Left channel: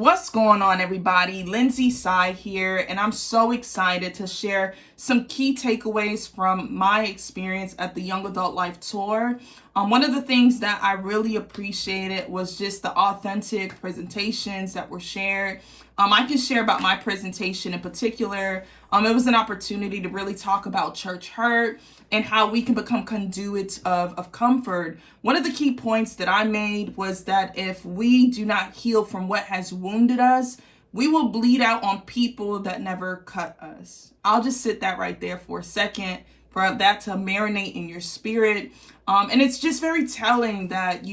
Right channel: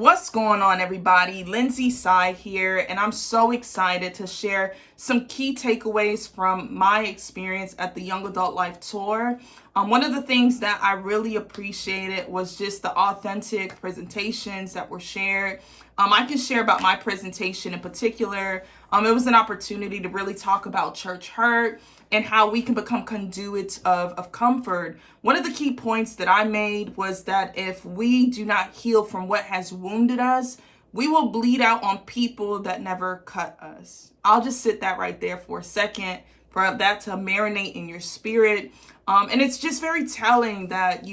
What's going on, everybody? Lindsay Sy here, and I'm so excited to share some key takeaways from my experience at the Young Adult Life Tour. One of the things that I really appreciated was just the authentic presentations that were shared. I can share about my presentation in particular. It was an opportunity to really talk about church hurt and how we can become conduits of comfort. One of the key points that I made was that if we do not heal from what has wounded us, we will bleed out on people that never cut us. I'll just sit that right there for a second for that to marinate in your spirit. And it's just very telling that,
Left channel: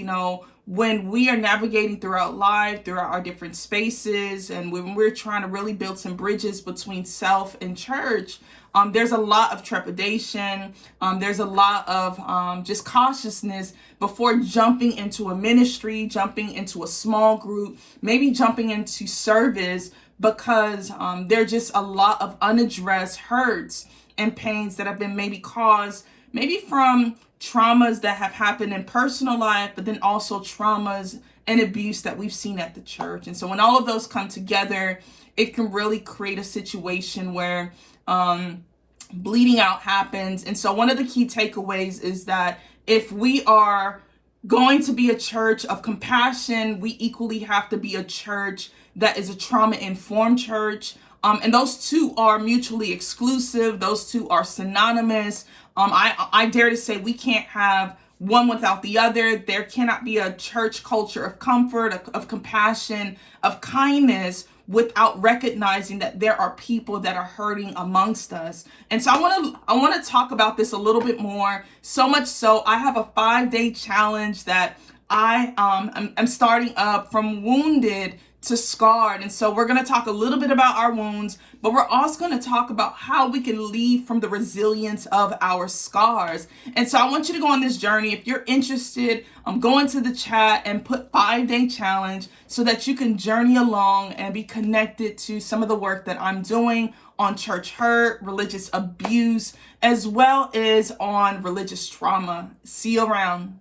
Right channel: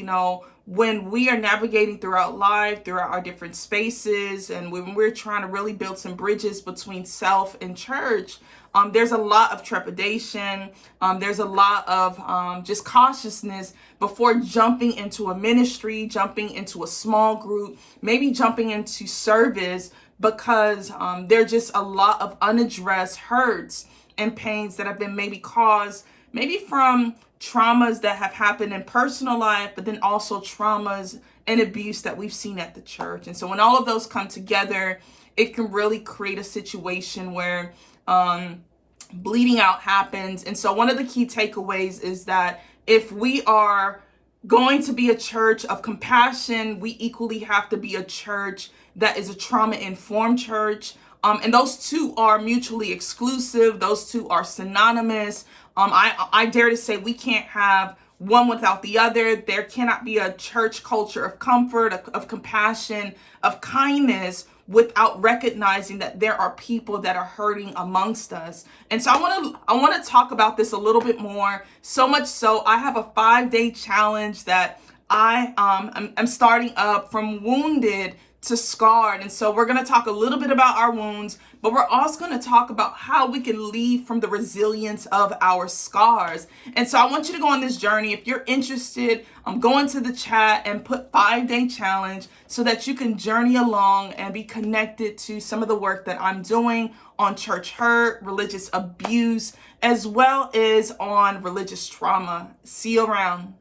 when we are navigating throughout life, throughout our different spaces, and when we're trying to really build some bridges between self and church, there's a lot of trepidation. There's a lot of just cautiousness before jumping into a ministry, jumping into a small group, maybe jumping into service, because there are just a lot of unaddressed hurts and pains that have been maybe caused, maybe from traumas that have happened in personal life, but then also traumas and abuse that we've seen at the church. And so when all of those come together, it can really create a situation where bleeding out happens. And so one of the key takeaways is that if we are going to be a church of compassion, we equally have to be a church that is a trauma-informed church. And those two are mutually exclusive. Those two are synonymous. I dare to say we can't have one without the other. There cannot be a church culture of comfort, of compassion, of kindness, without recognizing that there are people that are hurting amongst us. And so I want to talk about this a little bit more. So much so, I have a 5-day challenge that I'm starting up from wounded to scarred. And so we're going to talk a little bit about our wounds, but we're also going to talk about how we can leave from the resilience of our scars. And so I want you to go on this journey. If you're interested, go into the chat and put 5-day challenge so that you can journey along and be connected to some of the work that I'm doing on church hurt, religious abuse, as well as on religious trauma. See you around.